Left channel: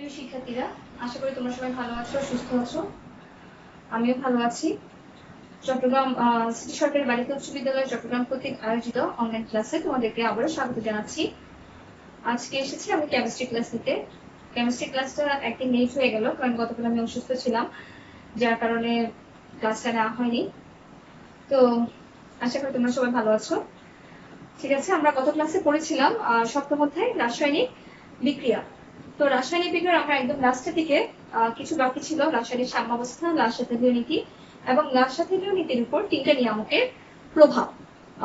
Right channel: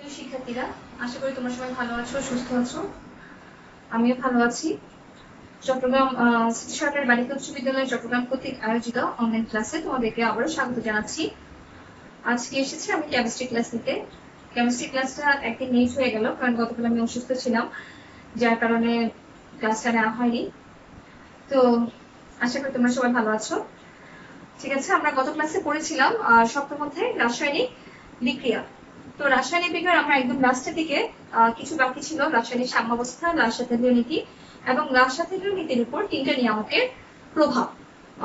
প্রিয় শিক্ষার্থীরা, আশা করি তোমরা সবাই ভালো আছো, সুস্থ আছো। আমিও ভালো আছি। চট্টগ্রাম সিটি সরকারি বালিকা উচ্চ বিদ্যালয় চট্টগ্রাম কর্তৃক আয়োজিত অনলাইন ক্লাসে তোমাদেরকে আবারও স্বাগত জানাচ্ছি। আজকে এসেছি আমি কেমিস্ট্রি ক্লাস নিতে। কেমিস্ট্রি ক্লাসটা একদিন মিস হয়ে গেল, কারণ গতকাল আমি অসুস্থ ছিলাম, যার কারণে ক্লাসটা নেওয়া হয়নি। তো আশা করি তোমরা সবাই ভালো আছো। ঠিক আছে, আমরা গত ক্লাসে পড়েছিলাম সপ্তম অধ্যায় রাসায়নিক বিক্রিয়া। তো রাসায়নিক বিক্রিয়ার আমরা একদম লাস্টের দিকে কিছু বাকি ছিল, রাসায়নিক সাম্যাবস্থা, রাসায়নিক নীতি এবং রাসায়নিক নীতির উপর তিনটা নিয়ামকের প্রভাব,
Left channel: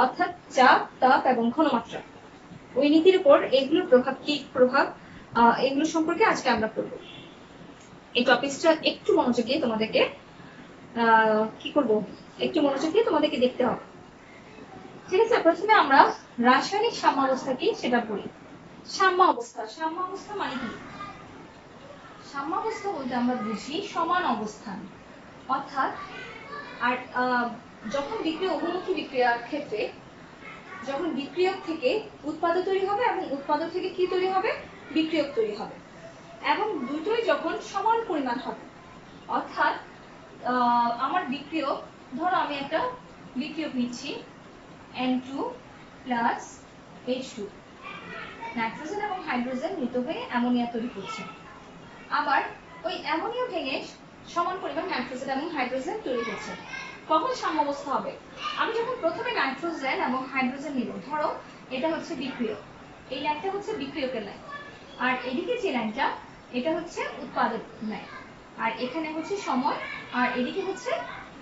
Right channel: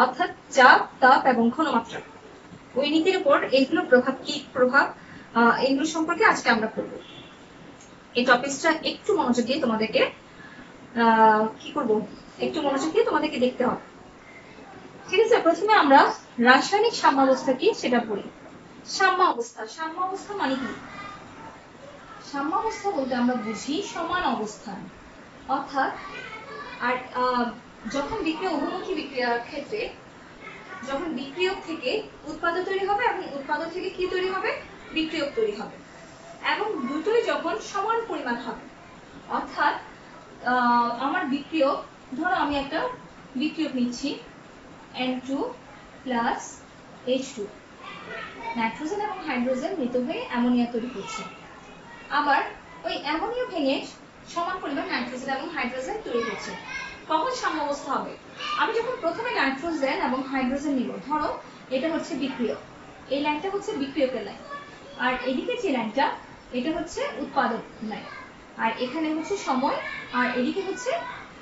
অর্থাৎ চাপ, তাপ এবং ঘনমাত্রা। ওই নীতির উপর এইগুলোর প্রভাব কি প্রভাব, এগুলো সম্পর্কে আজকে আমরা পড়ব। এই টপিকটা একটু মনোযোগ দিয়ে তোমাদেরকে কি করব, একটু মনোযোগ দিয়ে তোমাদেরকে দেখতে হবে। ঠিক আছে, প্রথমে আমরা রাসায়নিক সাম্যাবস্থা কি সেটা পড়ি। সাম্যাবস্থা মানে কি? সাম্যাবস্থা বলতে আমরা বুঝি সমান অবস্থান, অর্থাৎ আর যখন বিক্রিয়া বহুমুখী বিক্রিয়ার ক্ষেত্রে যখন বিক্রিয়ক থেকে উৎপাদক তৈরি হবে এবং উৎপাদক থেকে কি তৈরি হবে, বিক্রিয়ক তৈরি হবে, এবং দুটোই যখন সমান পরিমাণ হবে, অর্থাৎ আমার বিক্রিয়ক, ধরো আমি একটা বিক্রিয়ক নিচ্ছি N2 প্লাস H2, নাইট্রোজেন এবং হাইড্রোজেন মিলিত হয়ে অ্যামোনিয়া তৈরি করছে। আবার ওই অ্যামোনিয়া ভেঙে সমান পরিমাণ নাইট্রোজেন এবং হাইড্রোজেন তৈরি হচ্ছে। কখন সাম্যাবস্থা হবে? আমি যখন প্রথমে নাইট্রোজেন এবং হাইড্রোজেন নিব, ধরো এটা হচ্ছে বিক্রিয়ক, এই লাইনটা হচ্ছে বিক্রিয়কের লাইন, আর এদিকে যে লাইনটা এটা হচ্ছে উৎপাদক লাইন, আর এখানে হচ্ছে সময়, আর এদিকে হচ্ছে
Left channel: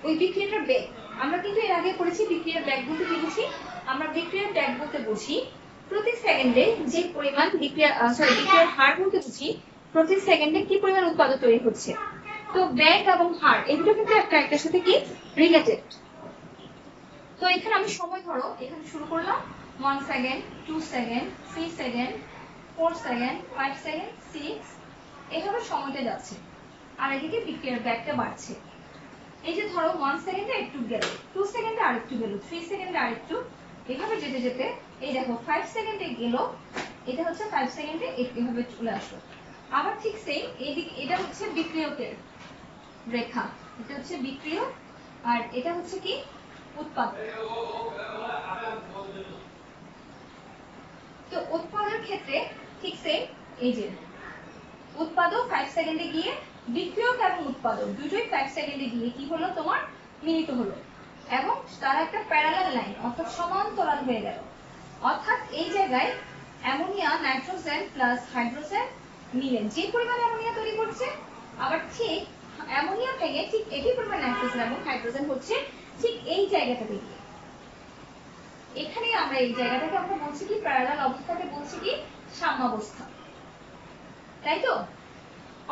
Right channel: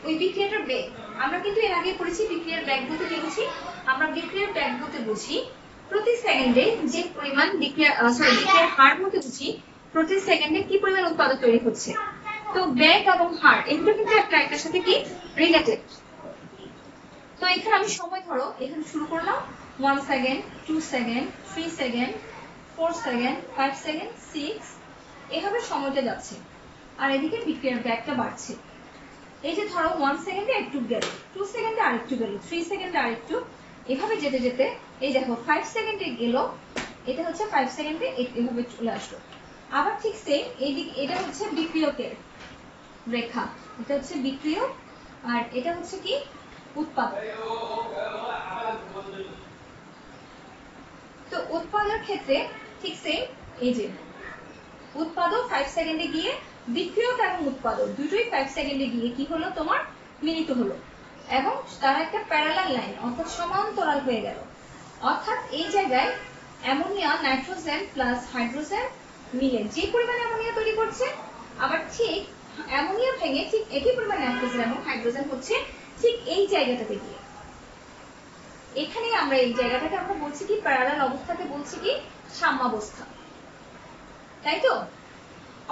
ওই বিক্রিয়াটার বেগ। আমরা কিন্তু এর আগে পড়েছি বিক্রিয়ার বেগ বলতে কি বুঝি। আমরা বিক্রিয়ার বেগ বলতে বুঝি প্রতি সেকেন্ডে যে পরিমাণ বিক্রিয়ার হার বলতে বুঝি প্রতি সেকেন্ডে কি পরিমাণ উৎপাদক তৈরি হচ্ছে। তো বেগ এবং হার এগুলো কিন্তু একটার সাথে কি রিলেটেড। তো এখানে আমি সময়, ধরো এখানে শুরু করলাম 1 second, 2 second, 3 second, 4 second, 5 second, 6, এভাবে সময়টা যাচ্ছে, আর এদিকে বিক্রিয়ার বেগটা বাড়ছে। এই যে ধরো 1 সেকেন্ডে একটু গেল, 2 সেকেন্ডে আরেকটু গেল, 3 সেকেন্ডে আরেকটু, এভাবে যেতে যেতে এই দেখো 5 সেকেন্ডে গেল, এটা হচ্ছে 5 সেকেন্ডে এভাবে চলে আসলো। আবার ঠিক সেম এইদিকে, এটা হচ্ছে বিক্রিয়কের রেখা, এটা হচ্ছে বিক্রিয়ক, আর এটা হচ্ছে কি উৎপাদক। তো উৎপাদকের ক্ষেত্রে ঠিক সেম, এই যে উৎপাদক 5 সেকেন্ডে গিয়ে বিক্রিয়ক এবং উৎপাদক দুটোই 5 সেকেন্ডে গিয়ে কি হলো, তোমার মিলিত হলো, এবং তারা একটা প্যারালাল লাইন, অর্থাৎ সমান্তরাল হয়ে গেল। অর্থাৎ এই জায়গায় অ্যামোনিয়া, নাইট্রোজেন প্লাস হাইড্রোজেন মিলে যে পরিমাণ অ্যামোনিয়া তৈরি করছে, আবার ঠিক অ্যামোনিয়া ভেঙে ঠিক একই পরিমাণ নাইট্রোজেন এবং হাইড্রোজেন হচ্ছে ঠিক এই জায়গাটাতে গিয়ে। এখানে আমরা এই জায়গাটাকে আমরা বলছি কি, প্যারালাল অবস্থাকে বলছি কি সাম্যাবস্থা, তাই তো?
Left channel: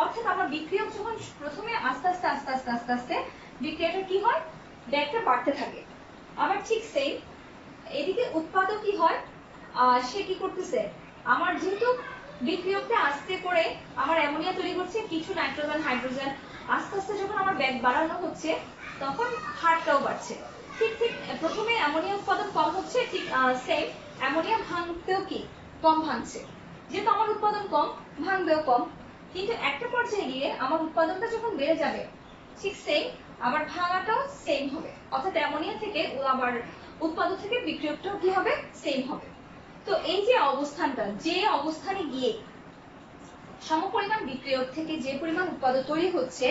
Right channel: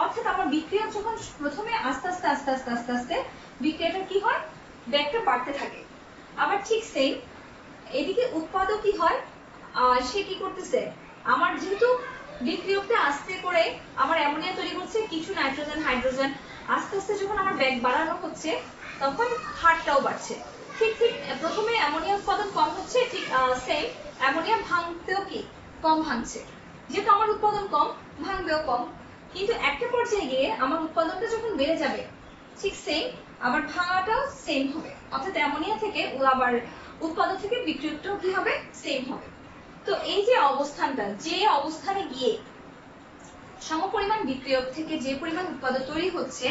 অর্থাৎ আমার বিক্রিয়ক যখন প্রথমে আস্তে আস্তে আস্তে আস্তে আস্তে আস্তে বিক্রিয়াটা কি হয়, বেগটা বাড়তে থাকে। আবার ঠিক সেম এদিকে উৎপাদক কি হয়, সে কি করতেছে, আমার যেহেতু বিক্রিয়কটা আস্তে করে আমার অ্যামোনিয়া তৈরি করছে, কিছু নাইট্রোজেন হাইড্রোজেন, আস্তে আস্তে যখন আমার বেগ বাড়ানো হচ্ছে তখন হারটাও বাড়ছে। ঠিক ঠিক প্রথমে অ্যামোনিয়া উৎপাদন কম হচ্ছে, ঠিক সেম অ্যামোনিয়া ভাঙতেও কি কম ভাঙছে, যেহেতু আমার উৎপাদন কম ভাঙবেও কম। কিন্তু একটা পর্যায়ে গিয়ে আমার উৎপাদনটা যখন বেড়ে যাবে, ঠিক সেম আবার ভাঙাটাও সেম হবে, অর্থাৎ অ্যামোনিয়া থেকে আবার উৎপাদক থেকে বিক্রিয়কটাও কি হবে, সেম হবে। তো এই যে অবস্থানটা, যে অবস্থানে গিয়ে সমপরিমাণ বিক্রিয়ক থেকে যে পরিমাণ উৎপাদক তৈরি হচ্ছে,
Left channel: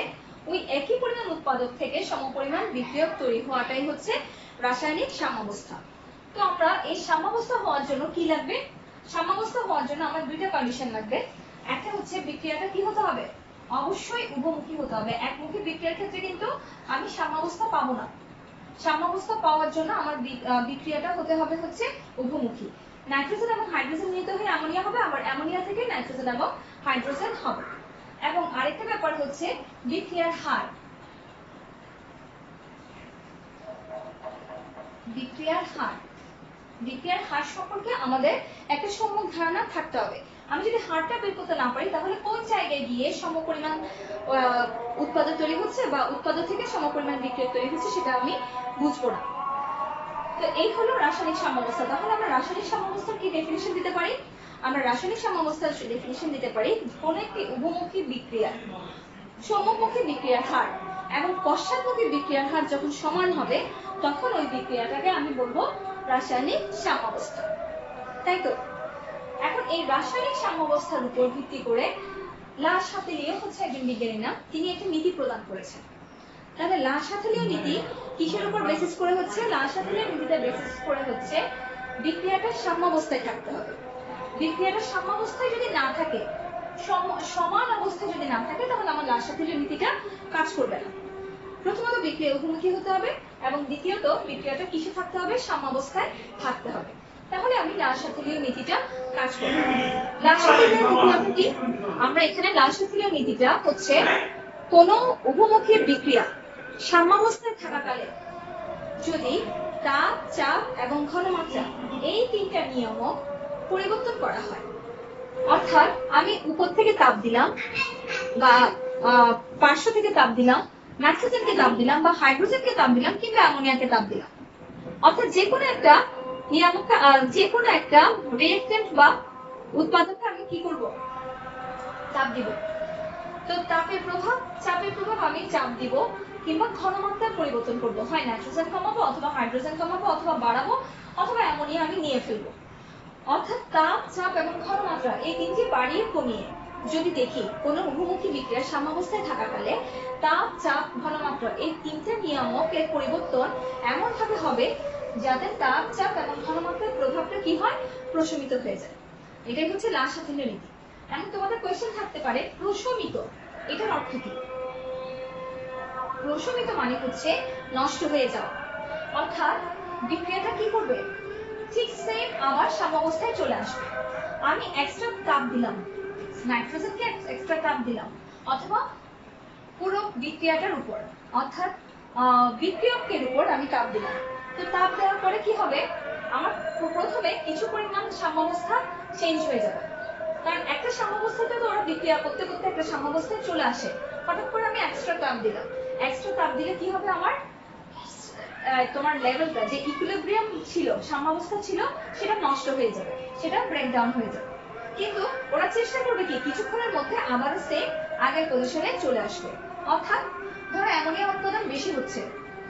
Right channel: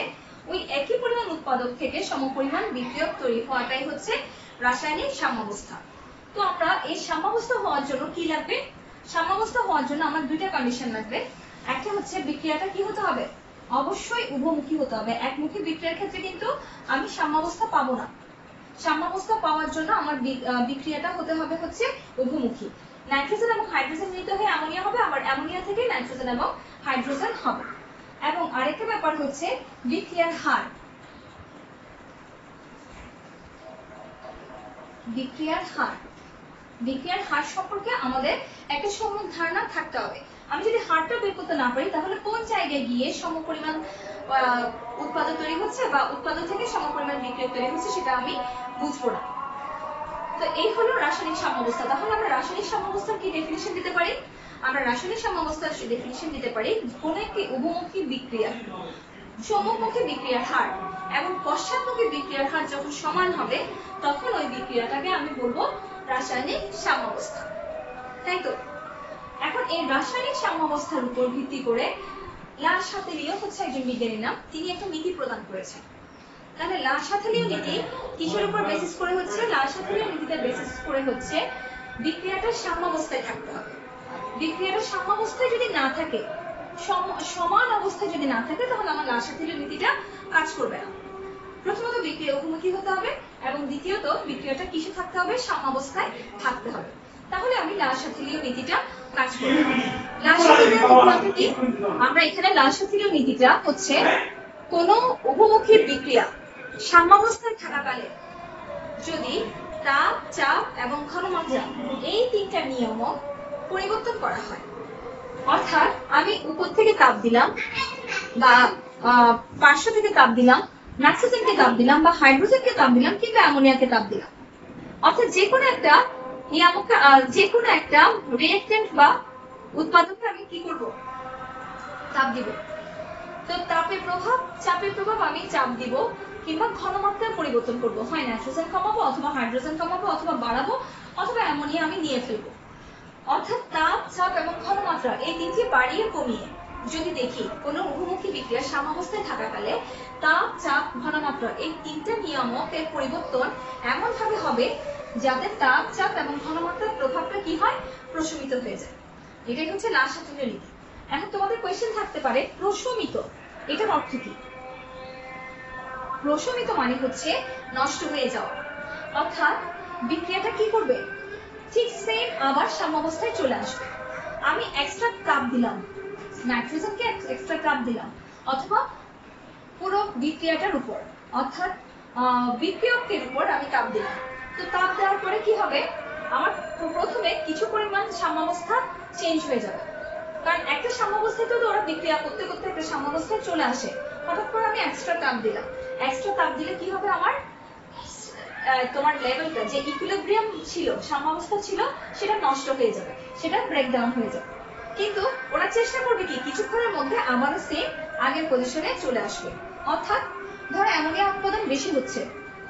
ওই একই পরিমাণ উৎপাদক থেকে সমপরিমাণ বিক্রিয়ক তৈরি হওয়াটাই হচ্ছে রাসায়নিক সাম্যাবস্থা। তো আমরা এই সাম্যাবস্থা হওয়ার জন্য কি লাগবে, সাম্যাবস্থা হওয়ার জন্য আমার দুইটা কন্ডিশন লাগবে। একটা হচ্ছে বিক্রিয়াটা কি হতে হবে, অবশ্যই উভমুখী হতে হবে। একমুখী বিক্রিয়ার ক্ষেত্রে কিন্তু আমি সাম্যাবস্থা পাবো না। সাম্যাবস্থা পাওয়ার জন্য আমার বিক্রিয়াটা হতে হবে হচ্ছে উভমুখী। নাইট্রোজেন এবং হাইড্রোজেন মিলিত হয়ে অ্যামোনিয়া হবে, আবার অ্যামোনিয়া থেকে নাইট্রোজেন এবং হাইড্রোজেন হবে। এবং আরেকটা ব্যাপার হচ্ছে বিক্রিয়ার হার। বিক্রিয়ার হার সম্পর্কে আমাদের একটা সম্যক ধারণা থাকতে হবে। আমি যদি হারটা বের করতে না পারি, তাহলে কোন জায়গায় গিয়ে সমপরিমাণ উৎপাদক তৈরি হচ্ছে বা উৎপাদক থেকে সমপরিমাণ বিক্রিয়ক তৈরি হচ্ছে সেটা আমি বুঝবো না। তো এই হলো রাসায়নিক সাম্যাবস্থা। তাহলে আমরা রাসায়নিক সাম্যাবস্থার কি ডেফিনিশন দিতে পারি, আমরা রাসায়নিক সাম্যাবস্থার ডেফিনিশন দিতে পারি কোন একটি উভমুখী বিক্রিয়া সম্মুখমুখী বিক্রিয়ার হার এবং পশ্চাৎমুখী বিক্রিয়ার হার যখন সমান হবে তখন ওই বিক্রিয়াটাকে আমি বলবো রাসায়নিক সাম্যাবস্থা। তাই তো এখন এই রাসায়নিক সাম্যাবস্থার উপর ভিত্তি করে লা শাতেলিও হচ্ছে একজন বিজ্ঞানীর নাম, তিনি একটা নীতি প্রদান করেছেন। তাহলে লা শাতেলীয় নীতি কিসের উপর বেসিস করে হচ্ছে? লা শাতেলীয় নীতিতে বেসিস করে হচ্ছে বিক্রিয়াটা সাম্যাবস্থায় থাকতে হবে। বিক্রিয়াটা সাম্যাবস্থায় যদি না থাকে, সমান অবস্থায় যদি না থাকে, তাহলে আমার লা শাতেলীয় নীতিটা কাজ করবে না। প্রথমত বিক্রিয়া উভমুখী হতে হবে এবং দ্বিতীয়ত বিক্রিয়াটা কিসে থাকতে হবে? সাম্যাবস্থায় থাকতে হবে। তাহলে আমি লা শাতেলীয় নীতিটা কাজ করব। লা শাতেলীয় নীতি কি? আমরা এখানে লা শাতেলীয় নীতিটা হচ্ছে কোন উভমুখী বিক্রিয়া সাম্যাবস্থায় থাকাকালে যদি তাপ, চাপ এবং ঘনমাত্রা এই তিনটা নিয়ামক পরিবর্তন করা হয়, অর্থাৎ আমি উপর থেকে তাপ দিলাম বা পার্শ্ব থেকে তাপ দিলাম, নাইট্রোজেনকে তাপ দিলাম বা হাইড্রোজেনকে তাপ দিলাম কিংবা অ্যামোনিয়াকে তাপ দিলাম, অর্থাৎ যে কোনো একটা নিয়ামককে যে কোনো একটা রিঅ্যাক্ট্যান্ট বা উৎপাদনকে আমি কি করব? তাপ দিব। তো তাপের প্রভাব, চাপের প্রভাব আমি চাপ দিব কিংবা ঘনমাত্রার পরিবর্তন করব, হয় নাইট্রোজেন কমাবো অথবা হাইড্রোজেন কমাবো অথবা বাড়াবো অথবা অ্যামোনিয়া আমি নিয়ে ফেলবো। অর্থাৎ তাপ, চাপ এবং ঘনমাত্রা এই তিনটি বাড়িয়ে কমিয়ে যদি দেখি কোন উভমুখী বিক্রিয়া সাম্যাবস্থায় থাকাকালে তাপ, চাপ, ঘনমাত্রা এই তিনটা নিয়ামকের পরিবর্তন এমন ভাবে হবে যাতে তাপ, চাপ এবং ঘনমাত্রার প্রভাবটা কি হয়? প্রশমিত হয়ে যায়। এটাই হচ্ছে লা শাতেলীয় নীতি। এখন তোমাদের কোয়েশ্চেন থাকতে পারে প্রশমিত এটার অর্থ কি? প্রশমিত মানে হচ্ছে নষ্ট হয়ে যাওয়া, অর্থাৎ বিক্রিয়াটা কি করবে? ঠিক সেম আবার সাম্যাবস্থায় চলে আসবে। আমি এক্সট্রা তাপ দিলাম, নাইট্রোজেনকে এক্সট্রা তাপ দিলাম অথবা পুরো বিক্রিয়াটার উপর অর্থাৎ বিক্রিয়কের উপর আমি তাপ দিলাম। তো তাপ দেওয়ার পরে কি হবে? আমার প্রথমে কিছু পরিমাণ সাম্যাবস্থা চেঞ্জ হয়ে যাবে, কারণ একটা সাম্যাবস্থায় তো ওরা বিক্রিয়া করতে করতে একটা সাম্যাবস্থায় চলে আসে। হঠাৎ করে আমি এক্সট্রা তাপ দিলাম, এক্সট্রা তাপ দিলে কি হবে? আমার তোমার লেভেলটা যে ইকুইলিব্রিয়াম ছিল, সাম্যাবস্থা ছিল, সেটা নষ্ট হয়ে যাবে, সেটা ব্রেকডাউন হয়ে যাবে। কিন্তু ওরা চেষ্টা করবে কি কিছুক্ষণের মধ্যে আবারও সেম আগের পজিশনে চলে আসবে। অর্থাৎ ধরো অ্যামোনিয়া উৎপাদন বেশি হচ্ছে,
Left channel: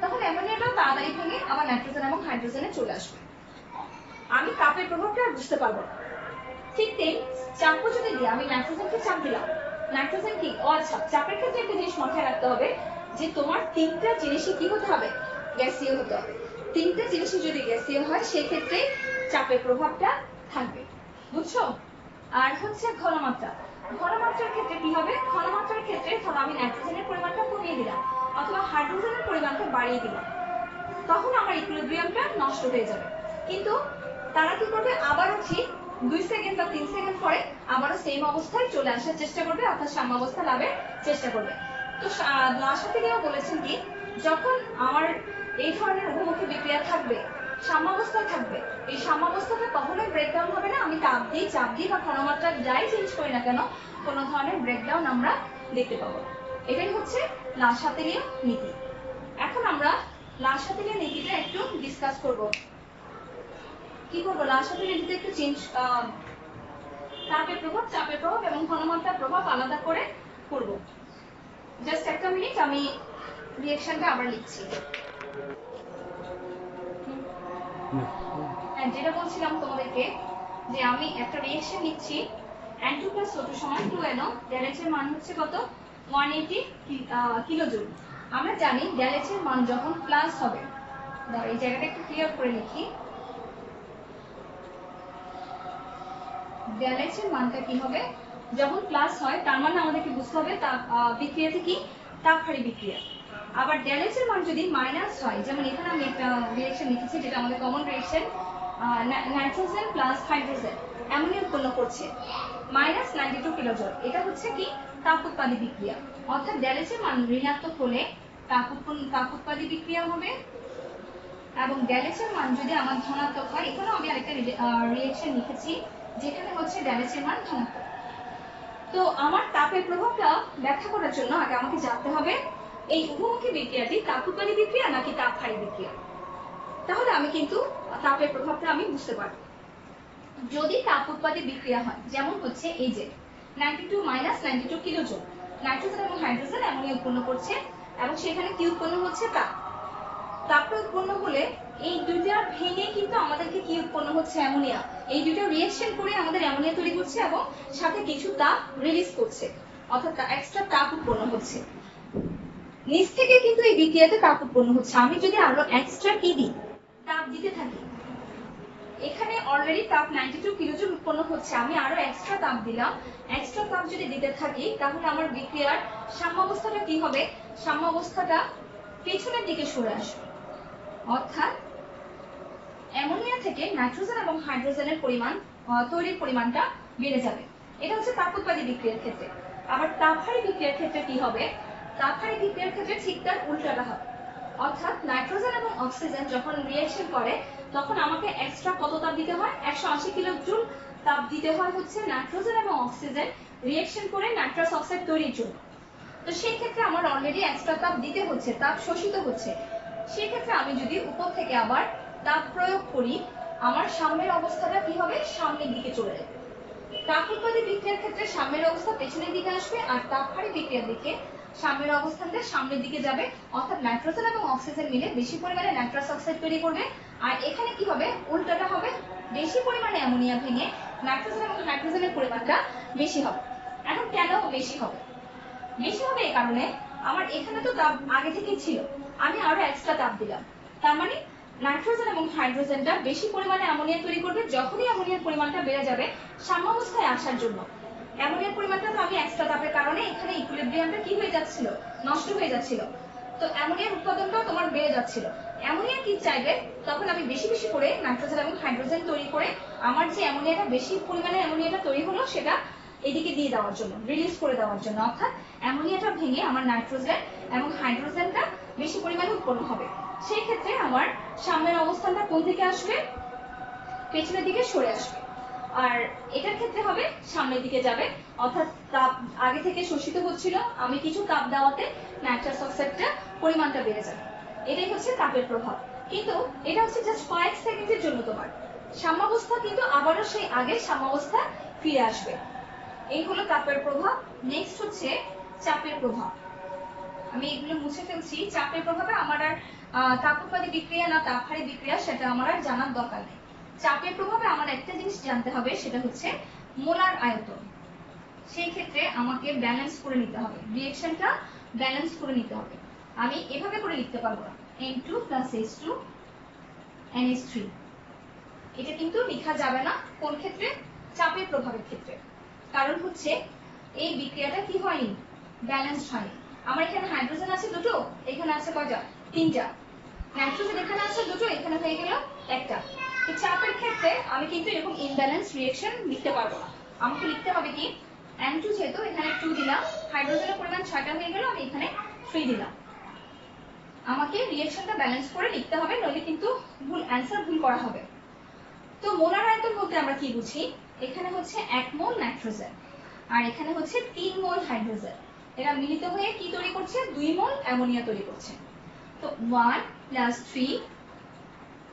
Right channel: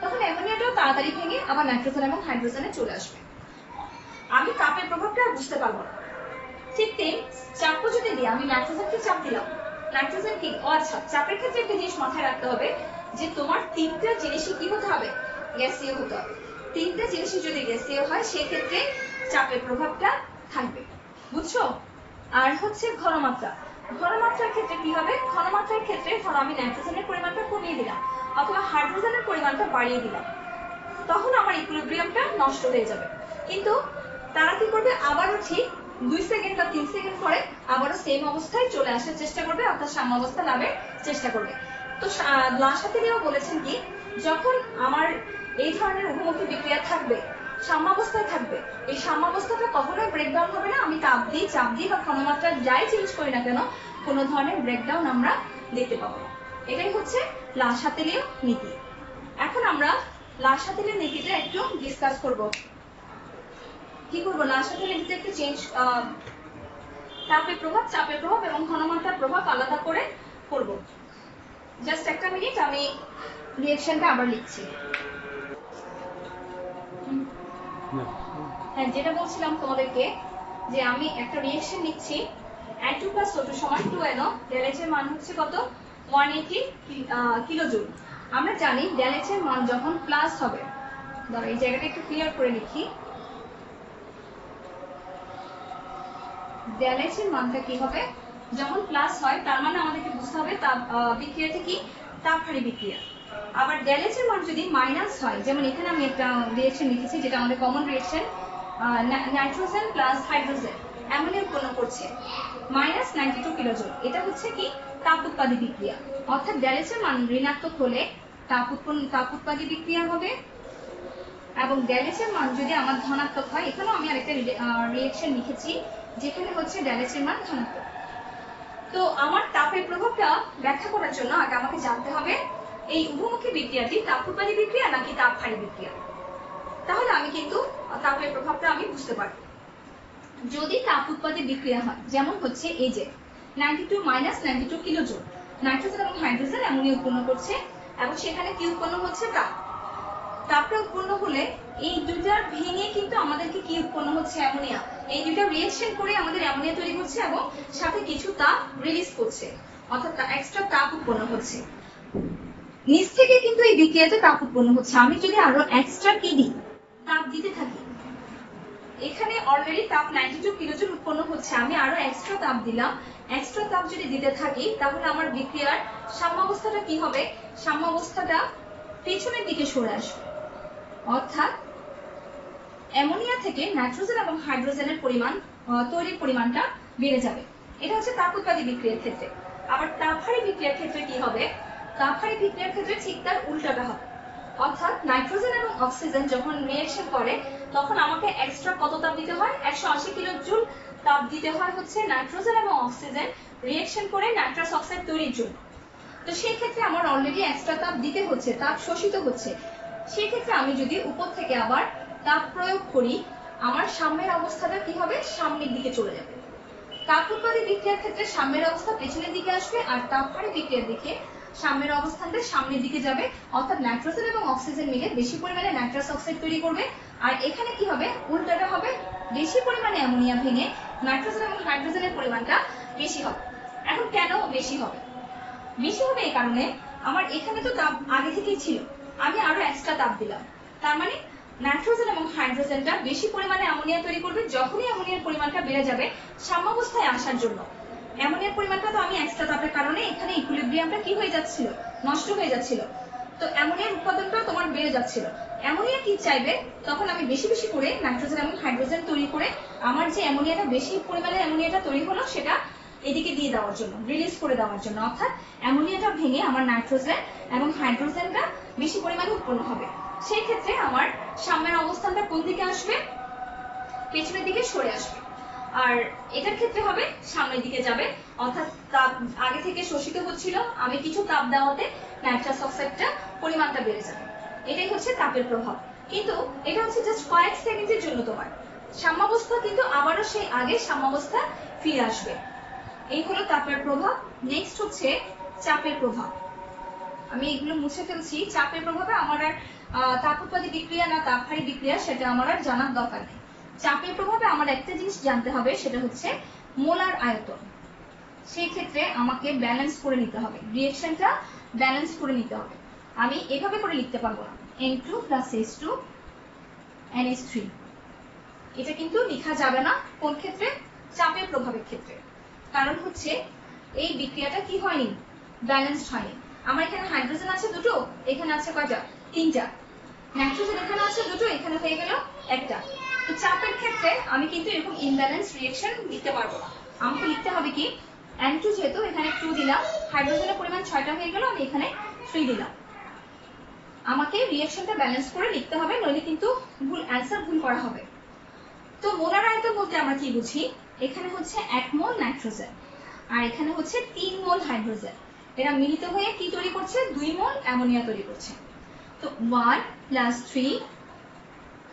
তখন অ্যামোনিয়াটাও তাড়াতাড়ি ভেঙে আবার নাইট্রোজেন এবং হাইড্রোজেনে চলে আসবে। আমি তাপের প্রভাবটা আর বুঝতে পারবো না। ঠিক তেমনি চাপও যদি দিই, আমি নাইট্রোজেনকে চাপ দিলাম, নাইট্রোজেন কি? ও আচ্ছা, চাপের ক্ষেত্রে একটা জিনিস মাথায় রাখতে হবে যে তোমার তিনটা জিনিসই কি হতে হবে? গ্যাসীয় হতে হবে। তিনটা জিনিসই যদি গ্যাসীয় হয় সেক্ষেত্রে চাপের প্রভাবটা থাকবে, বুঝছো? আর হচ্ছে ঘনমাত্রা, ঘনমাত্রার ক্ষেত্রে কি হবে? ঘনমাত্রার ক্ষেত্রে ধরো আমি নাইট্রোজেনের পরিমাণটা কমিয়ে দিলাম অথবা হাইড্রোজেনের পরিমাণটা বাড়িয়ে দিলাম, তখন আমার ইকুইলিব্রিয়ামটা নষ্ট হয়ে যাবে। কিন্তু তারা কি করবে? আবারও ঠিক 2 সেকেন্ড বা 3 সেকেন্ড পরে আবারও সেম অবস্থায় চলে আসার চেষ্টা করবে, অর্থাৎ সাম্যাবস্থা লাভের চেষ্টা করবে। তো লা শাতেলীও বলেছেন কি যখন আমার এই ধরনের উভমুখী বিক্রিয়া থাকবে, সাম্যাবস্থায় থাকবে, এই সাম্যাবস্থাটা কখনোই ব্রেকডাউন হবে না। আমি তাপ দিই, চাপ দিই বা ঘনমাত্রা যাই চেঞ্জ করি না কেন, কোনো ধরনের ব্রেকডাউন আমরা দেখতে পাবো না। এটাই হচ্ছে লা শাতেলীয় নীতি। এখন আমরা লা শাতেলীয় নীতিটা একটু ডিসকাস করব। কি করবো? লা শাতেলীয় নীতিতে একটু চেঞ্জ, তাপের প্রভাব, চাপের প্রভাব এবং ঘনমাত্রার প্রভাব আলাদা করে করব। জাস্ট একটা মিনিট, আমি রিঅ্যাকশনটা আবার লিখছি। হ্যাঁ, যেটা বলছিলাম তোমাদেরকে যে আমি একটা রিঅ্যাকশন লিখছি, N2 + O2 = 2NO, ΔH এর মান হচ্ছে কত? 180 কিলোজুল। আমরা জানি ΔH এর মান যখন প্লাস হবে, দাঁড়া এই জায়গাটা একটু ক্লিয়ার করে লিখি, ΔH এর মানটা কি হবে? যখন প্লাস হয় তার মানে আমাদেরকে বুঝতে হবে বিক্রিয়াতে কি তাপহারী বিক্রিয়া। আবার ΔH এর মান যদি মাইনাস হয়, যেমন এখানে আমি একটা রিঅ্যাকশন লিখেছি যেটা আমাদের common reaction, nitrogen plus hydrogen ammonia উৎপন্ন করছে -92 কিলোজুল। এটা হচ্ছে কি তাপ উৎপাদী বিক্রিয়া, অর্থাৎ ΔH এর মান ঋণাত্মক হলে তাপ উৎপাদী বিক্রিয়া হবে এবং ΔH এর মান যদি আমার ধনাত্মক হয়, এখানেও আমি আরেকটা রিঅ্যাকশন লিখেছি যেখানে হচ্ছে ΔH এর মান ধনাত্মক। তো আমার তাপের প্রভাবটা ব্যাখ্যা করার জন্য আগে আমাকে জানতে হবে এই উভমুখী বিক্রিয়াটি তাপ উৎপাদী বিক্রিয়া নাকি তাপহারী বিক্রিয়া, তাহলে আমি কিন্তু তাপের প্রভাবটা আমি বুঝতে পারব। যদি তাপ উৎপাদে বিক্রিয়া হয়, যেমন হচ্ছে এই যে 92 মাইনাস 92 কিলোজুল নাইট্রোজেন এবং হাইড্রোজেন অ্যামোনিয়া উৎপন্ন করছে, এবং সেখানে কি উৎপন্ন হচ্ছে? তাপ। তাপটা উৎপন্ন হলে এই দুইটা ভেঙে কিন্তু আমাদেরকে কি উৎপন্ন হচ্ছে? অ্যামোনিয়া। এই দুইটা রিঅ্যাকশন করে আমাদের অ্যামোনিয়া তৈরি করছে এবং সাথে কিছু তাপ রিলিজ করছে, অর্থাৎ এক্সট্রা তাপ উৎপন্ন হচ্ছে। নিচ থেকে কিন্তু এই বিক্রিয়াতে তাপ উৎপন্ন হচ্ছে। আমি যদি আরো এক্সট্রা কি দিই, তাপ দিতে থাকি, এখানে অলরেডি তাপ 92 কিলোজুল উৎপন্ন হচ্ছে, আমি আরো এক্সট্রা তাপ দিলাম। এক্সট্রা তাপ যদি দিতে থাকি তাহলে আমার বিক্রিয়ার সাম্যাবস্থাটা কি হবে? সাম্যাবস্থাটা পেছনের দিকে সরে আসবে, অর্থাৎ অ্যামোনিয়া থেকে নাইট্রোজেন এবং হাইড্রোজেনের পরিমাণ তৈরির পরিমাণটা বেড়ে যাবে। এটা হচ্ছে তাপ উৎপাদী বিক্রিয়ার ক্ষেত্রে। আবার তাপহারী বিক্রিয়ার ক্ষেত্রে কি হবে? তাপহারী বিক্রিয়ার ক্ষেত্রে ঠিক তার উল্টাটা হবে, অর্থাৎ নাইট্রোজেন এবং অক্সিজেন যখন রিঅ্যাকশন করে তখন আমাকে এক্সট্রা কত তাপ দিতে হয়? 180 কিলোজুল তাপ দিতে হয় হচ্ছে নাইট্রোজেন এবং অক্সিজেন রিঅ্যাকশন করে নাইট্রাস অক্সাইড তৈরির জন্য। তো সেই ক্ষেত্রে আমার অলরেডি এক্সট্রা তাপ দিতে হচ্ছে, তাপ শোষিত হচ্ছে। সেই ক্ষেত্রে আমি যদি উপর থেকে আবার তাপ প্রয়োগ করি, আমার সাম্যের অবস্থাটা কি হবে? সামনের দিকে চলে যাবে। তাপ উৎপাদী বিক্রিয়ার ক্ষেত্রে সাম্যের অবস্থা পেছনের দিকে আসবে, আর তাপহারী বিক্রিয়ার দিকে সাম্যের অবস্থানটা সামনের দিকে যাবে, অর্থাৎ নাইট্রোজেন এবং অক্সিজেন মিলে বেশি পরিমাণে নাইট্রাস অক্সাইড তৈরি করবে। আর এখানে কি হবে? উল্টাটা হবে, বেশি পরিমাণে অ্যামোনিয়া ভেঙে নাইট্রোজেন এবং হাইড্রোজেনের পরিমাণটা বেশি হবে। এখন কেন বেশি হবে? বেশি হবে এই কারণে, আমার এখানে তো তাপ আগে থেকেই ছিল, আমি আরো এক্সট্রা তাপ দিলাম, তার মানে নাইট্রোজেন এবং হাইড্রোজেনটা বেশি পরিমাণে অ্যামোনিয়া তৈরি করবে। যখনই অ্যামোনিয়ার পরিমাণটা বেড়ে যাবে সাম্যাবস্থায় আসার জন্য, অ্যামোনিয়ার পরিমাণটা তো আমি এক্সট্রা তাপের কারণে এখানে ইকুইলিব্রিয়ামটা কি হয়ে যাচ্ছিল? নষ্ট হয়ে যাচ্ছিল। তো অ্যামোনিয়ার উৎপাদনটা তোমার বেড়ে যাচ্ছিল। অ্যামোনিয়া কি চাইবে? তখন আমি বেশি বেশি করে নাইট্রোজেন এবং হাইড্রোজেন তৈরি করে আমার যে অ্যামোনিয়াটা বেশি পরিমাণে অ্যামোনিয়াটা তৈরি হলো সেটা এদিকে দিয়ে দেওয়ার জন্য, রিলিজ করে দেওয়ার জন্য, অর্থাৎ অ্যামোনিয়াটা ভেঙে আমার নাইট্রোজেন এবং হাইড্রোজেনটা বেশি পরিমাণে উৎপন্ন হবে। সেই ক্ষেত্রে আমার সাম্যের অবস্থানটা কোন দিকে আসবে? পেছনের দিকে সরে আসবে। আর এটার ক্ষেত্রে হবে সামনের দিকে যাবে, অর্থাৎ তাপ আগে থেকে শোষিত হচ্ছিল, আমি কিছু তাপ দেওয়াতে নাইট্রাস অক্সাইডটা পরিমাণটা বেড়ে যাবে। এটাই হচ্ছে তাপের প্রভাব। কিন্তু এটা হচ্ছে জাস্ট কয়েক সেকেন্ডের জন্য, তোমার সাম্যাবস্থা কিন্তু আবারও সেই আগের সাম্যাবস্থা ফিরে আসবে। এই হলো তাপের প্রভাব। নেক্সট হচ্ছে চাপের প্রভাব। আমি এগুলো মুছে ফেলছি। চাপের প্রভাবে আমার আর তাপ উৎপাদী বিক্রিয়া না তাপহারী বিক্রিয়া সেটা আমার আর জানার দরকার নেই। চাপের প্রভাবে আমার একটা জিনিস জানতে হবে, সেটা হচ্ছে মোলার আয়তন। সেই ক্ষেত্রে আমাকে ব্যালেন্স করে নিতে হবে, রিঅ্যাকশনটা ব্যালেন্স করে নিতে হবে। আমি এভাবে করে লিখতে পারবো না N2 + H2 NH3, এটা কিন্তু লেখা যাবে না। কোন ক্ষেত্রে? চাপের প্রভাবের ক্ষেত্রে। কারণ হচ্ছে এই বিক্রিয়াটা কি হয়নি? ব্যালেন্সড হয়নি। আমার এখানে হাইড্রোজেন আছে দুটো, এখানে আছে কয়টা? তিনটা। নাইট্রোজেন এখানে আছে দুটো, এখানে হয়ে গেল একটা। তো চাপের ক্ষেত্রে আমি কিন্তু এরকম ইমব্যালেন্স রিঅ্যাকশন লিখতে পারবো না। আমাকে লিখতে হবে কি? N2 যেহেতু এখানে 2 দিলাম, হাইড্রোজেনের পরিমাণ 6টা হয়ে গেল, আমি এখানে 3 দিলাম। আমাকে রিঅ্যাকশনটা ব্যালেন্স করে লিখতে হবে, নইলে কিন্তু ভুল অ্যান্সার ভুল করা হবে। তো মোলার আয়তন বলতে আমরা কি বুঝি? এখানে হচ্ছে 1 মোল নাইট্রোজেন আর এখানে হচ্ছে 3 মোল হাইড্রোজেন, এরা মিলিত হয়ে কি তৈরি করছে? 2 মোল অ্যামোনিয়া তৈরি করছে। তো 1 + 3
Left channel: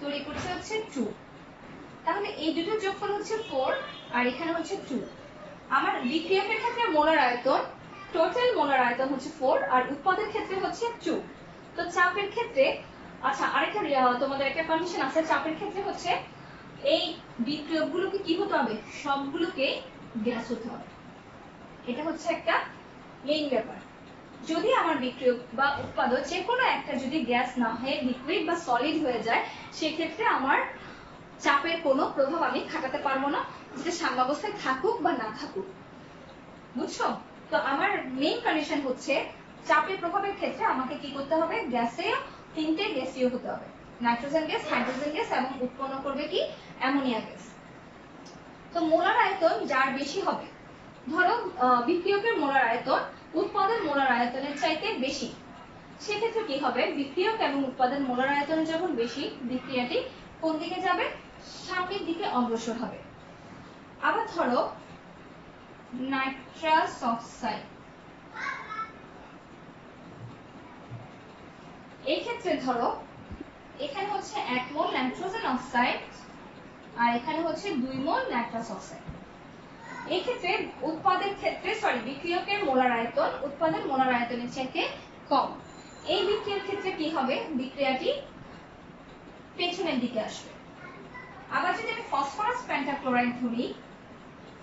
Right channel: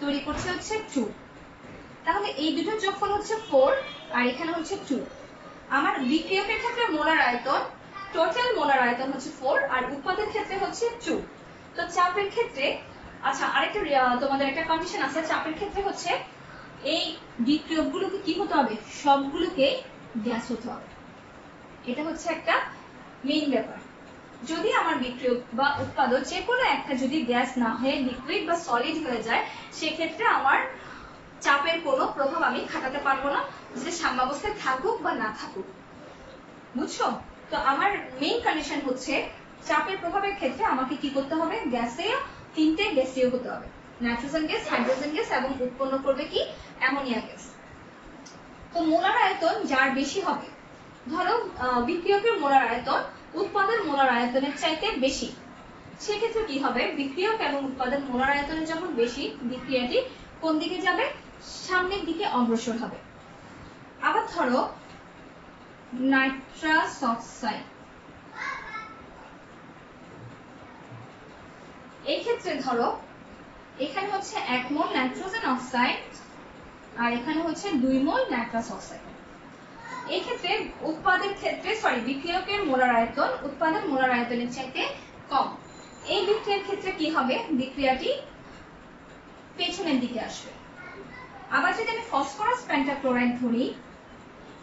তৈরি করছে হচ্ছে 2। তাহলে এই দুটোর যোগফল হচ্ছে 4 আর এখানে হচ্ছে 2। আমার বিক্রিয়কের ক্ষেত্রে মোলার আয়তন, টোটাল মোলার আয়তন হচ্ছে 4 আর উৎপাদের ক্ষেত্রে হচ্ছে 2। তো চাপের ক্ষেত্রে, আচ্ছা আরেকটা তোমাদের একটা কন্ডিশন আছে, চাপের ক্ষেত্রে হচ্ছে এই বিক্রিয়কগুলোকে কি হতে হবে? সবগুলোকে গ্যাস হতে হবে। এটা হচ্ছে একটা মেইন ব্যাপার। যদি আমার বিক্রিয়ক বা উৎপাদক যে কোনো একটা যদি গ্যাস না হয়ে লিকুইড বা সলিড হয়ে যায়, সেক্ষেত্রে আমার চাপের কোনো প্রভাব আমি খাটাতে পারবো না, যেটা সাম্যাবস্থায় থাকুক বা না থাকুক। বুঝছো? তো আমার মেইন কন্ডিশন হচ্ছে চাপের প্রভাবের ক্ষেত্রে আমাকে কি করতে হবে? গ্যাসীয়, 3টে গ্যাসীয় হতে হবে, নাইট্রোজেন গ্যাস, হাইড্রোজেন গ্যাস এবং উৎপন্ন করবে কি? Ammonia gas. তো মোলার আয়তন যার বেশি হবে, ধরো বিক্রিয়কের মোলার আয়তন উৎপাদের মোলার আয়তনের চাইতে বেশি, সেক্ষেত্রে কি হবে? বিক্রিয়ক এবং উৎপাদের মোলার আয়তনে যখন বেশি, বিক্রিয়াটি কোন দিকে যাবে? সামনের দিকে অগ্রসর হবে। আবার ধরো নাইট্রাস অক্সাইড, এই ক্ষেত্রে ধরো এখানে হচ্ছে 1 মোল নাইট্রোজেন অক্সাইড আর এখানে হচ্ছে 2 মোল নাইট্রাস অক্সাইড। এই ক্ষেত্রে উৎপাদের ক্ষেত্রে বিক্রিয়কের মোলার আয়তন উৎপাদের মোলার আয়তনের চাইতে কম। এই বিক্রিয়ার ক্ষেত্রে কি হবে, বিক্রিয়াটি পেছনের দিকে আসবে। আবার যদি আমি ফসফরাস পেন্টাক্লোরাইড ধরি,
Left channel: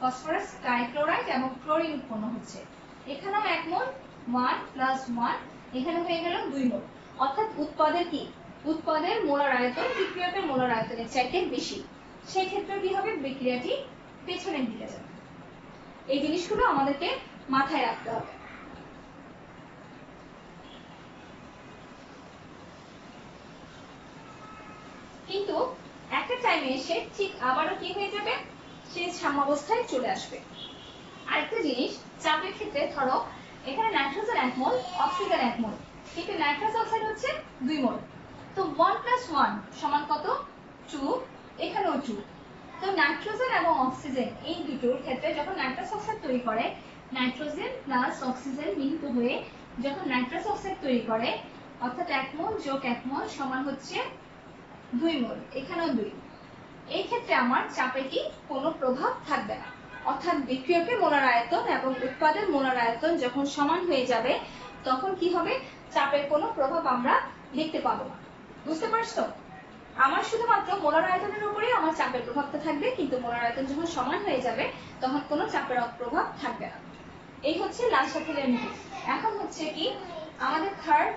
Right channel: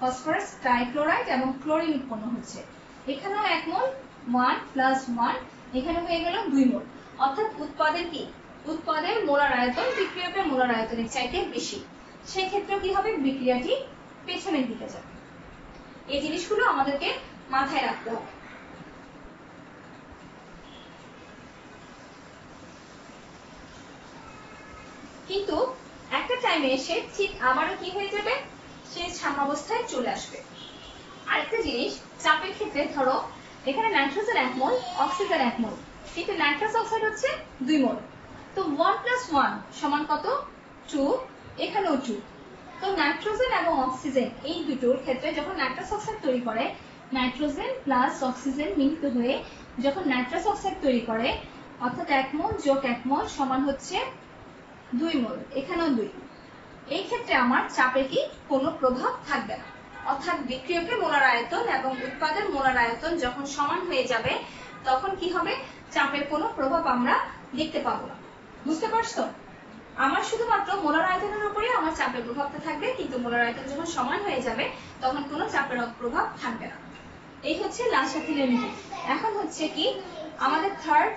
ফসফরাস ট্রাইক্লোরাইড এবং ক্লোরিন উৎপন্ন হচ্ছে, এখানেও 1 মোল 1 প্লাস 1, এখানে হয়ে গেল 2 মোল। অর্থাৎ উৎপাদের কি, উৎপাদের মোলার আয়তন বিক্রিয়কের মোলার আয়তনের চাইতে বেশি। সেই ক্ষেত্রে কি হবে, বিক্রিয়াটি পেছনের দিকে যাবে। এই জিনিসগুলো আমাদেরকে মাথায় রাখতে হবে। কিন্তু একটা টাইমে এসে ঠিক আবারও কি হয়ে যাবে, সে সাম্যাবস্থায় চলে আসবে। আরেকটা জিনিস, চাপের ক্ষেত্রে ধরো এখানে নাইট্রোজেন 1 মোল, অক্সিজেন 1 মোল, কিন্তু নাইট্রাস অক্সাইড হচ্ছে 2 মোল। তো 1 প্লাস 1 সমান কত, 2, এখানেও 2। তো নাইট্রোজেন এবং অক্সিজেন এই দুটোর ক্ষেত্রে যখন নাইট্রাস অক্সাইড তৈরি করে, নাইট্রোজেন প্লাস অক্সিজেন মিলিত হয়ে যখন নাইট্রাস অক্সাইড তৈরি করে, অর্থাৎ 1 মোল যোগ 1 মোল সমান হচ্ছে 2 মোল, এখানেও 2। এই ক্ষেত্রে আমার চাপে কি কোনো প্রভাব থাকবে না। অর্থাৎ বিক্রিয়কের মোলার আয়তন এবং উৎপাদের মোলার আয়তন যখন সমান হয়ে যাবে, তখন কি হবে, চাপের কোনো প্রভাব আমরা দেখতে পাবো না। বুঝতে পারছো? আমার শুধুমাত্র মোলার আয়তনের উপরে আমার চাপের প্রভাবটা থাকবে, কিন্তু মোলার আয়তন যখন সমান হয়ে যাবে তখন কোনো চাপের প্রভাব থাকবে না। এই হচ্ছে লাল সাথীলের নীতি। এখন হচ্ছে কি আমাদের থার্ড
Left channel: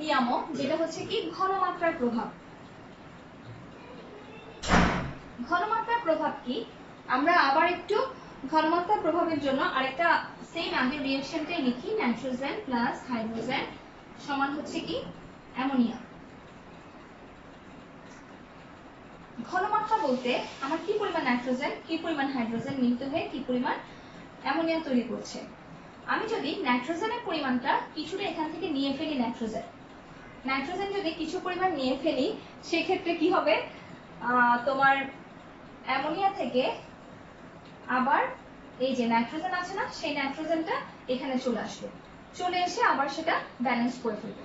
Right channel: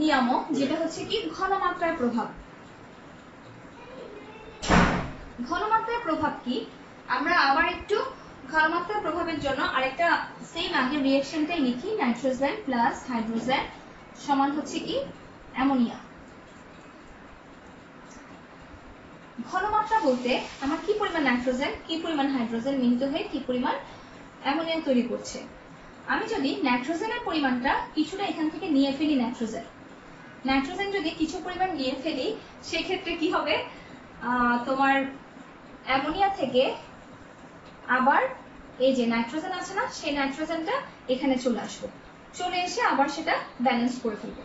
নিয়ামক, যেটা হচ্ছে কি ঘনমাত্রার প্রভাব। ঘনমাত্রার প্রভাব কি, আমরা আবার একটু ঘনমাত্রার প্রভাবের জন্য আরেকটা সেম আগের রিঅ্যাকশনটাই লিখি। নাইট্রোজেন প্লাস হাইড্রোজেন সমান হচ্ছে কি অ্যামোনিয়া। ঘনমাত্রা বলতে আমার কি পরিমাণ নাইট্রোজেন, কি পরিমাণ হাইড্রোজেন মিলিত হয়ে কি পরিমাণ অ্যামোনিয়া তৈরি করছে। আমি যদি নাইট্রোজেনের পরিমাণটা কিছুটা এখান থেকে নিয়ে ফেলি, নাইট্রোজেন যদি কিছু পরিমাণ নিয়ে ফেলি, সেক্ষেত্রে কি হবে, তোমার অ্যামোনিয়া থেকে আবার এই যে নাইট্রোজেন আছে না, সেই নাইট্রোজেনটা এখানে চলে আসবে, চলে এসে আবার সেটা ব্যালেন্স করে ফেলবে।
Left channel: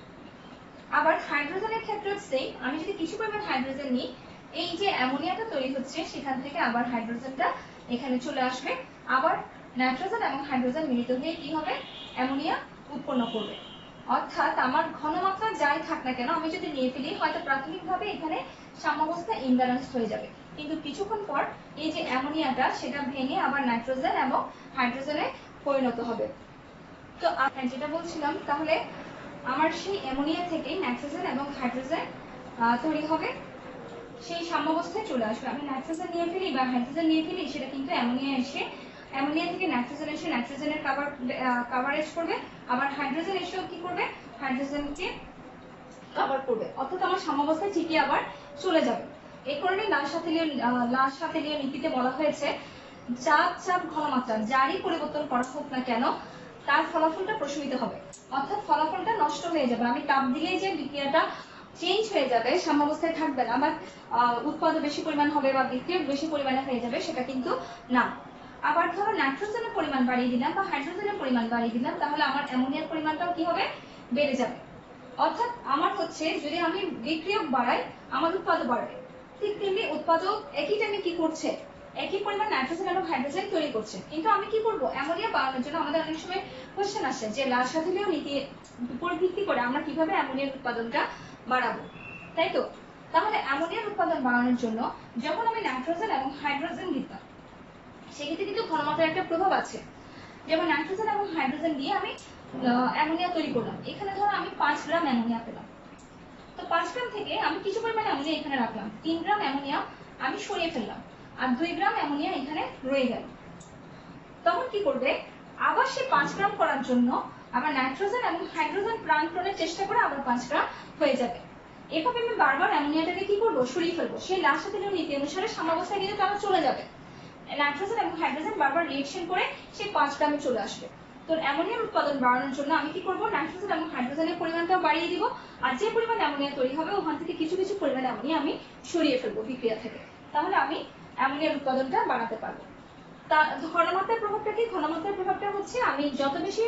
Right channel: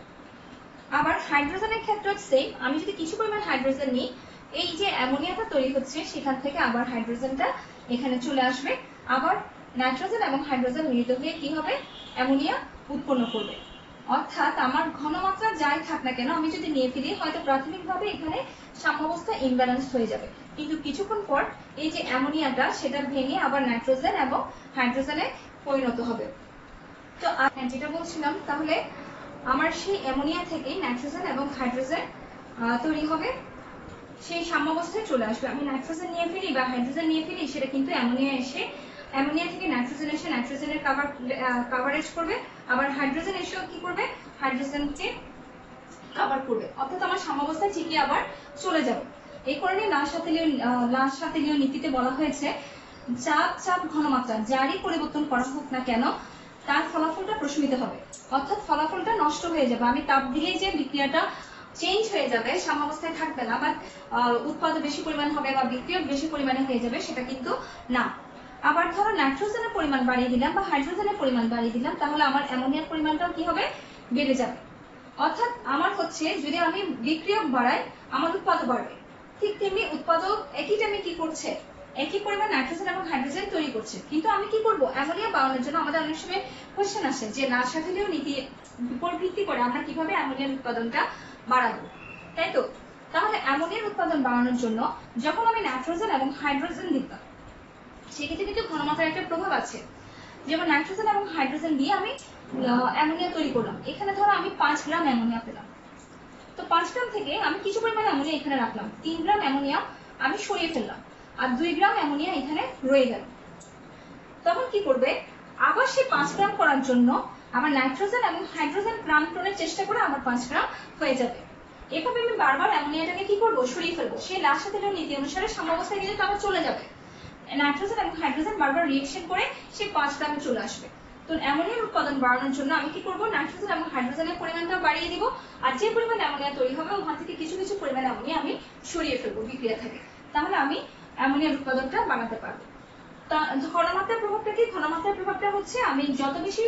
আবার হাইড্রোজেনের ক্ষেত্রে সেম, আমি যদি কিছু পরিমাণ হাইড্রোজেন নিই, এই যে অ্যামোনিয়াটা তৈরি হচ্ছে সেখান থেকে আবার হাইড্রোজেনটা এখানে চলে আসবে, আবার নাইট্রোজেন এবং হাইড্রোজেন মিলিত হয়ে কি হবে, অ্যামোনিয়া উৎপন্ন করবে। অর্থাৎ আমার ঘনমাত্রা যাই থাক না কেন, আমি যদি নিয়ে ফেলি, হয়তো প্রাথমিকভাবে এখানে সাম্যাবস্থা ইমব্যালেন্স হয়ে যাবে, কিন্তু কিছুক্ষণ পর এই যে অ্যামোনিয়াটা সেটা ভেঙে আবার নাইট্রোজেন এবং হাইড্রোজেনে পরিণত হবে। তো যেটা বলছিলাম, তাহলে আমার সেই অ্যামোনিয়া থেকে নাইট্রোজেন এবং হাইড্রোজেন তৈরি হবে, সেই সাম্যাবস্থায় চলে আসবে। আমি নাইট্রোজেন নিয়ে ফেলি বা হাইড্রোজেন নিয়ে ফেলি, সেটা কিন্তু অ্যামোনিয়া এসে, অ্যামোনিয়া থেকে নাইট্রোজেন এসে নাইট্রোজেনের কাভারেজ করবে, আবার হাইড্রোজেন এসেও কি করবে, হাইড্রোজেনকে কভার করবে। অর্থাৎ আমার সাম্যাবস্থায় ঠিকই আবার চলে যাবে। এই কারণে লাল সাথীলীয় নীতিতে বলা হয়েছে, চাপ ঘনমাত্রা যারই পরিবর্তন করা হোক না কেন, তার ফলাফলটা প্রশমিত হবে। অর্থাৎ ফলাফলটা নষ্ট হয়ে যাবে। আমি তাপ দিলেই যে বিক্রিয়াটা চেঞ্জ হয়ে যাবে, সাম্যাবস্থায় থাকবে না, বা উৎপাদন বেশি পরিমাণ হবে বা বিক্রিয়ক বেশি পরিমাণে হয়ে যাবে, সেটা কিন্তু না। আবার ধরো নাইট্রোজেনের পরিমাণ বাড়িয়ে দিলাম বা হাইড্রোজেনের পরিমাণ বাড়িয়ে দিলাম, তাহলে আমার অ্যামোনিয়ার পরিমাণটাও কি হবে, বেড়ে যাবে। অর্থাৎ আমার হচ্ছে যদি আমি বিক্রিয়ক বাড়াই, আমার উৎপাদক বাড়বে। ঠিক তেমনি উৎপাদক একই টাইমে কি করছে, একই পরিমাণ নাইট্রোজেন এবং হাইড্রোজেন তৈরি করছে, কিন্তু আমি কি করব, অ্যামোনিয়া বাড়ানোর জন্য আমাদের অনেক সময় কোশ্চেন আসে যে লাল সাথীলীয় নীতির উপর ভিত্তি করে আমরা কিভাবে অ্যামোনিয়ার উৎপাদনটা বাড়াবো, তাই তো? তাহলে অ্যামোনিয়ার উৎপাদন বাড়ানোর জন্য যখন আমি নাইট্রোজেন এবং হাইড্রোজেন দিতাম, সেক্ষেত্রে কিন্তু ঘনমাত্রার একটা প্রভাব আছে। যেমন নাইট্রোজেন এবং হাইড্রোজেন দিয়ে আমি অ্যামোনিয়া তৈরি করলাম, এখানে ধরো আমি 5 গ্রাম অ্যামোনিয়া পেলাম। তো 5 গ্রাম থেকে আমি কিছু পরিমাণ অ্যামোনিয়া এখানে রাখলাম, 3 গ্রাম অ্যামোনিয়া আমি সরিয়ে ফেললাম, আর 2 গ্রাম অ্যামোনিয়া এখানে রয়ে গেল। তখন কি করবে, আবার সেই 5 গ্রাম করার জন্য আমার নাইট্রোজেন এবং হাইড্রোজেন প্রাণপণের চেষ্টা করে আবার 5 গ্রাম হয়ে যাবে। এভাবে আমি বারবার অ্যামোনিয়াটাকে কি করবো, সরিয়ে ফেলবো। সেই লাল সাথীলীয় নীতি অনুসারে সাম্যাবস্থায় কিন্তু আবার চলে যাবে, নাইট্রোজেন এবং হাইড্রোজেন বারবার রিঅ্যাকশন করে সেই 5 গ্রামে চলে আসবে। তো অ্যামোনিয়ার উৎপাদন বাড়ানোর জন্য আমি কি করব, নাইট্রোজেন এবং হাইড্রোজেনের পরিমাণটা বাড়িয়ে দিব, আর যে পরিমাণ অ্যামোনিয়া তৈরি হবে ওখান থেকে কিছু কিছু পরিমাণ অ্যামোনিয়া আমি সরিয়ে ফেলবো বিক্রিয়া থেকে, তাহলে আমি অ্যামোনিয়ার উৎপাদনটা বাড়াতে পারবো। তা ঘনমাত্রার প্রভাবটা কি, ঘনমাত্রার প্রভাবটা হচ্ছে আমি যত বেশি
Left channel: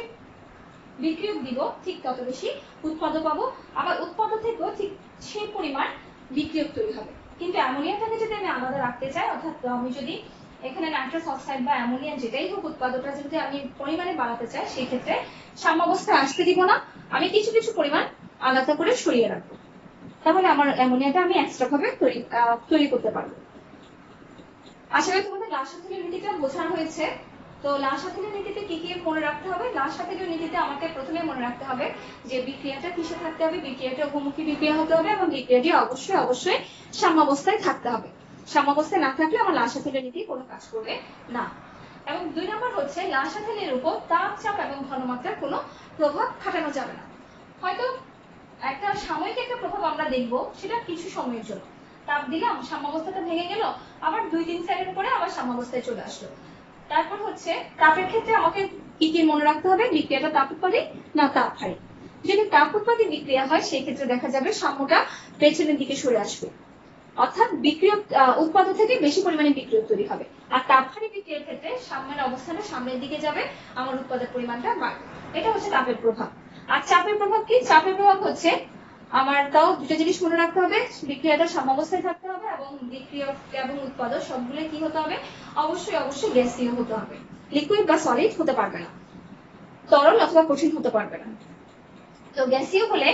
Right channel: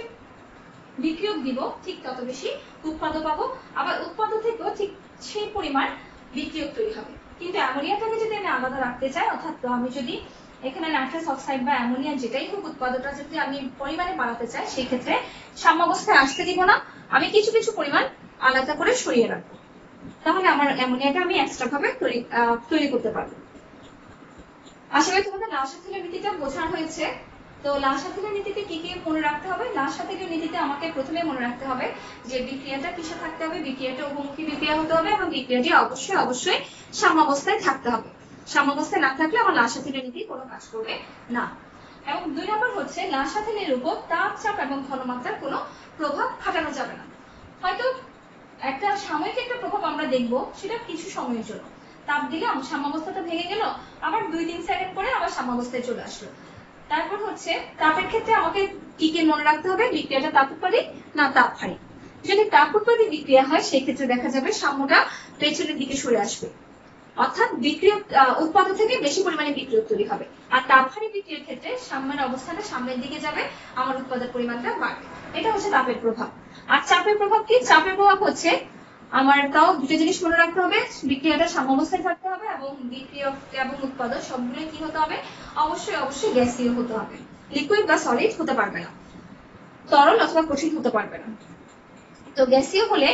বিক্রিয়ক দিব ঠিক তত বেশি উৎপাদক পাবো, আবার উৎপাদক থেকেও ঠিক সেই পরিমাণ বিক্রিয়ক তৈরি হবে। কিন্তু অ্যামোনিয়াটাকে যদি আমি আলাদা রাখতে চাই, অর্থাৎ আমি যদি এখানে নাইট্রাস অক্সাইড বা অ্যামোনিয়া যেটাই হোক উৎপাদকটা যদি আমি পরিমাণে বাড়াতে চাই, সেই ক্ষেত্রে সাম্যাবস্থায় আসতে দিব না, আমি কিছু কিছু পরিমাণ আলাদা করে সরিয়ে রাখবো, তাহলে আমার অ্যামোনিয়াটা আমি এক্সট্রা ভাবে তৈরি করতে পারবো। আশা করি তোমাদের লাসাথিলের নীতিটা বোঝানো হয়েছে। তো লাসাথিলের নীতিতে কি কি মনে রাখতে হবে? লাসাথিলের নীতিতে আমাকে প্রথমে মনে রাখতে হবে যে বিক্রিয়াটা কিসে থাকতে হবে, বিক্রিয়াটা উভমুখী বিক্রিয়া হতে হবে এবং বিক্রিয়াটি অবশ্যই অবশ্যই সাম্যাবস্থায় থাকতে হবে। সাম্যাবস্থায় না থাকলে আমার লাসাথিলের নীতি কোনো কাজ করবে না। এবং 2 নম্বর হচ্ছে লাসাথিলের উপর তাপ, চাপ এবং ঘনমাত্রার কোনো প্রভাব খাটানো যাবে না। হয়তো একটা সাময়িক একটা প্রভাব আমরা দেখবো, সেটা কিছু সময়ের জন্য, তাপ দিলে সাম্যাবস্থাটা ভেঙে গেল, আবার 2-3 সেকেন্ড পরে আবার সাম্যাবস্থায় চলে আসলো। তারপর হচ্ছে তাপের ক্ষেত্রে আমাকে কি কি মনে রাখতে হবে, বিক্রিয়াটা তাপ উৎপাদী না তাপ হারি। যদি তাপ উৎপাদী বিক্রিয়া হয় সেই ক্ষেত্রে দেখা যাবে সাম্যটা পেছনের দিকে সরে আসবে, অর্থাৎ বিক্রিয়ক উৎপাদক থেকে বেশি পরিমাণে বিক্রিয়ক তৈরি হবে। আর তাপহারী বিক্রিয়ার ক্ষেত্রে সাম্যের অবস্থানটা সামনের দিকে যাবে, আমার উৎপাদক পরিমাণটা বাড়বে। এটা হচ্ছে তাপের প্রভাব। আর চাপের প্রভাব কি? চাপের প্রভাব হচ্ছে আমার তাও দুটো জিনিস মনে রাখতে হবে, বিক্রিয়াটা সাম্যাবস্থায় থাকতে হবে এবং বিক্রিয়ক এবং উৎপাদক সবগুলোই কি হতে হবে, অবশ্যই অবশ্যই গ্যাসীয় হতে হবে, লিকুইড বা সলিড হতে পারবে না, তরল অথবা কঠিন হতে পারবে না। তো গ্যাসীয় হলে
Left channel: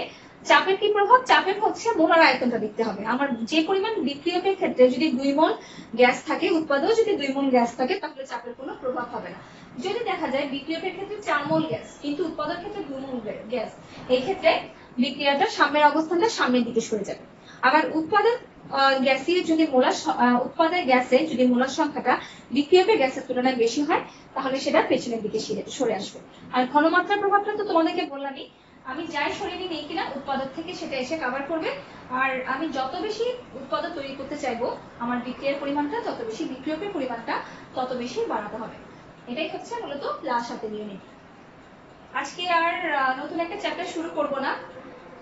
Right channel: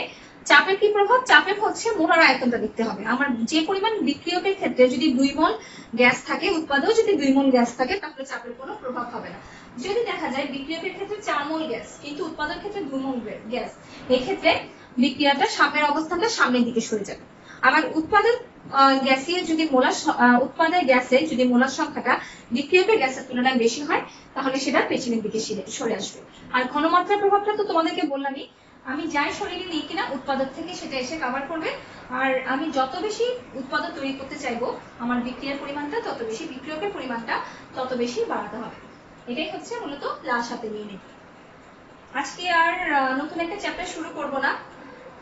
চাপের কি প্রভাব? চাপের হচ্ছে মোলার আয়তনটা দেখতে হবে। আমার যে পরিমাণ বিক্রিয়কের ক্ষেত্রে যদি 2 মোল গ্যাস থাকে, উৎপাদক যদি 2 মোল গ্যাস থাকে, তাহলে চাপের কোনো প্রভাব হবে না। যদি দেখা যায় বিক্রিয়কের ক্ষেত্রে 4 মোল গ্যাস কিন্তু উৎপাদক ক্ষেত্রে 2 মোল গ্যাস, এই ক্ষেত্রে বিক্রিয়াটা সামনের অবস্থানটা সামনের দিকে সরে যাবে। আবার উৎপাদক গ্যাসীয় যদি উৎপাদক গ্যাসে যদি মোলার সংখ্যাটা বিক্রিয়কের গ্যাসের তুলনায় বেশি হয়, তাহলে সেটা পেছনের দিকে সরে আসবে। আর ঘনমাত্রার প্রভাবটা তো তোমাদেরকে বললামই, আমি যাই শরীরে নিই কিনা উৎপাদক থেকে সেটা এসে কভার করবে। আর আমি যত বেশি উৎপাদক তৈরি করতে চাইবো, আমার বিক্রিয়ার পরিমাণটা তত বেশি, বিক্রিয়কের পরিমাণটা তত বেশি বাড়াতে হবে। এটাই হচ্ছে মূলত লাসাথিলীয় নীতি। আজকে আর নতুন একটা চ্যাপ্টার শুরু করব না,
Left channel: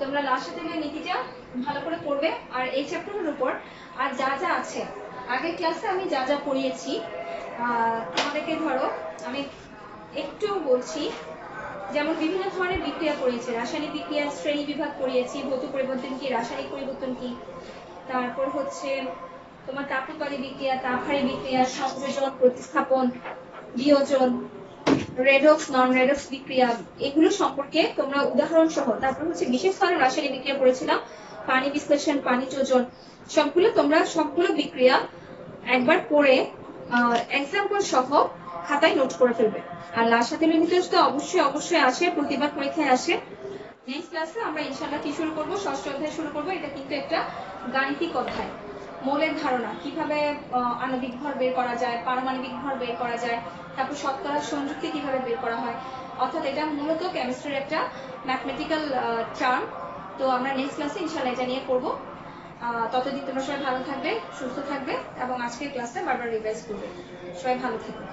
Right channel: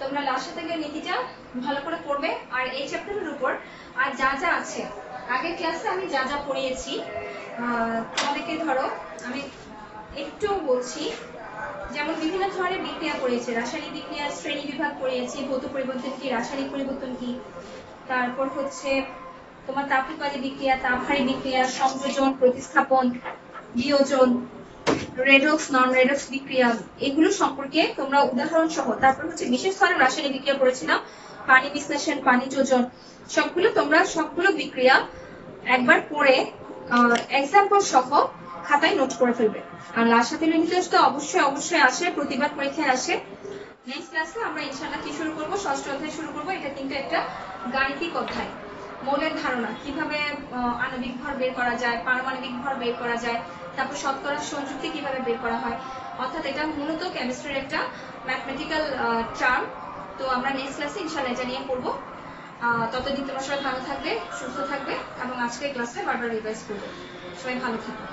তোমরা লাসাথিলীয় নীতিটা ভালো করে পড়বে। আর এই চ্যাপ্টারের উপর আর যা যা আছে, আগের ক্লাসে আমি যা যা পড়িয়েছি তোমাদেরকে ধরো আমি একটু বলছি, যেমন বিভিন্ন ধরনের বিক্রিয়া পড়িয়েছে, রাসায়নিক বিক্রিয়া শ্রেণী বিভাগ পড়িয়েছি, ভৌত পরিবর্তন কি, রাসায়নিক পরিবর্তন কি, তারপর হচ্ছে তোমার তাপ উৎপাদী বিক্রিয়া, তাপহারী বিক্রিয়া, সংযোজন, প্রতিস্থাপন, বিয়োজন, রেডক্স, নন রেডক্স বিক্রিয়া, এগুলো সম্পর্কে তোমরা উদাহরণ সহ, তারপর হচ্ছে বিশেষ ধরনের রাসায়নিক বিক্রিয়া পড়েছিলাম, পানি বিশ্লেষণ, পানি যোজন, সবগুলো বিক্রিয়া একবার পড়ে এক্সাম্পল সহ খাতায় নোট করে ফেলবে। আর লাসাথিলীয় নীতি তো অবশ্যই অবশ্যই আসে, প্রতিবার পরীক্ষায় আসে। নেক্সট ক্লাসে আমরা ইনশাআল্লাহ কি শুরু করব, ষষ্ঠ অধ্যায় শুরু করব। এটা কিন্তু একটা গাণিতিক অধ্যায়, মৌলের ধারণা, কিভাবে আণবিক ভর বের করা যায়, পারমাণবিক ভর বের করা যায়, তারপর শতকরা সংযুক্তি কিভাবে বের করা হয়, অর্থাৎ এটা মূলত কেমিস্ট্রির একটা ম্যাথমেটিক্যাল টার্ম। তো আমরা নেক্সট ক্লাসে ইনশাআল্লাহ এটা নিয়ে পড়বো। ততদিন তোমরা সবাই ভালো থাকবে, সুস্থ থাকবে এবং আজকের ক্লাসটা বারবার রিভাইজ করবে। সবাই ভালো থাকবে।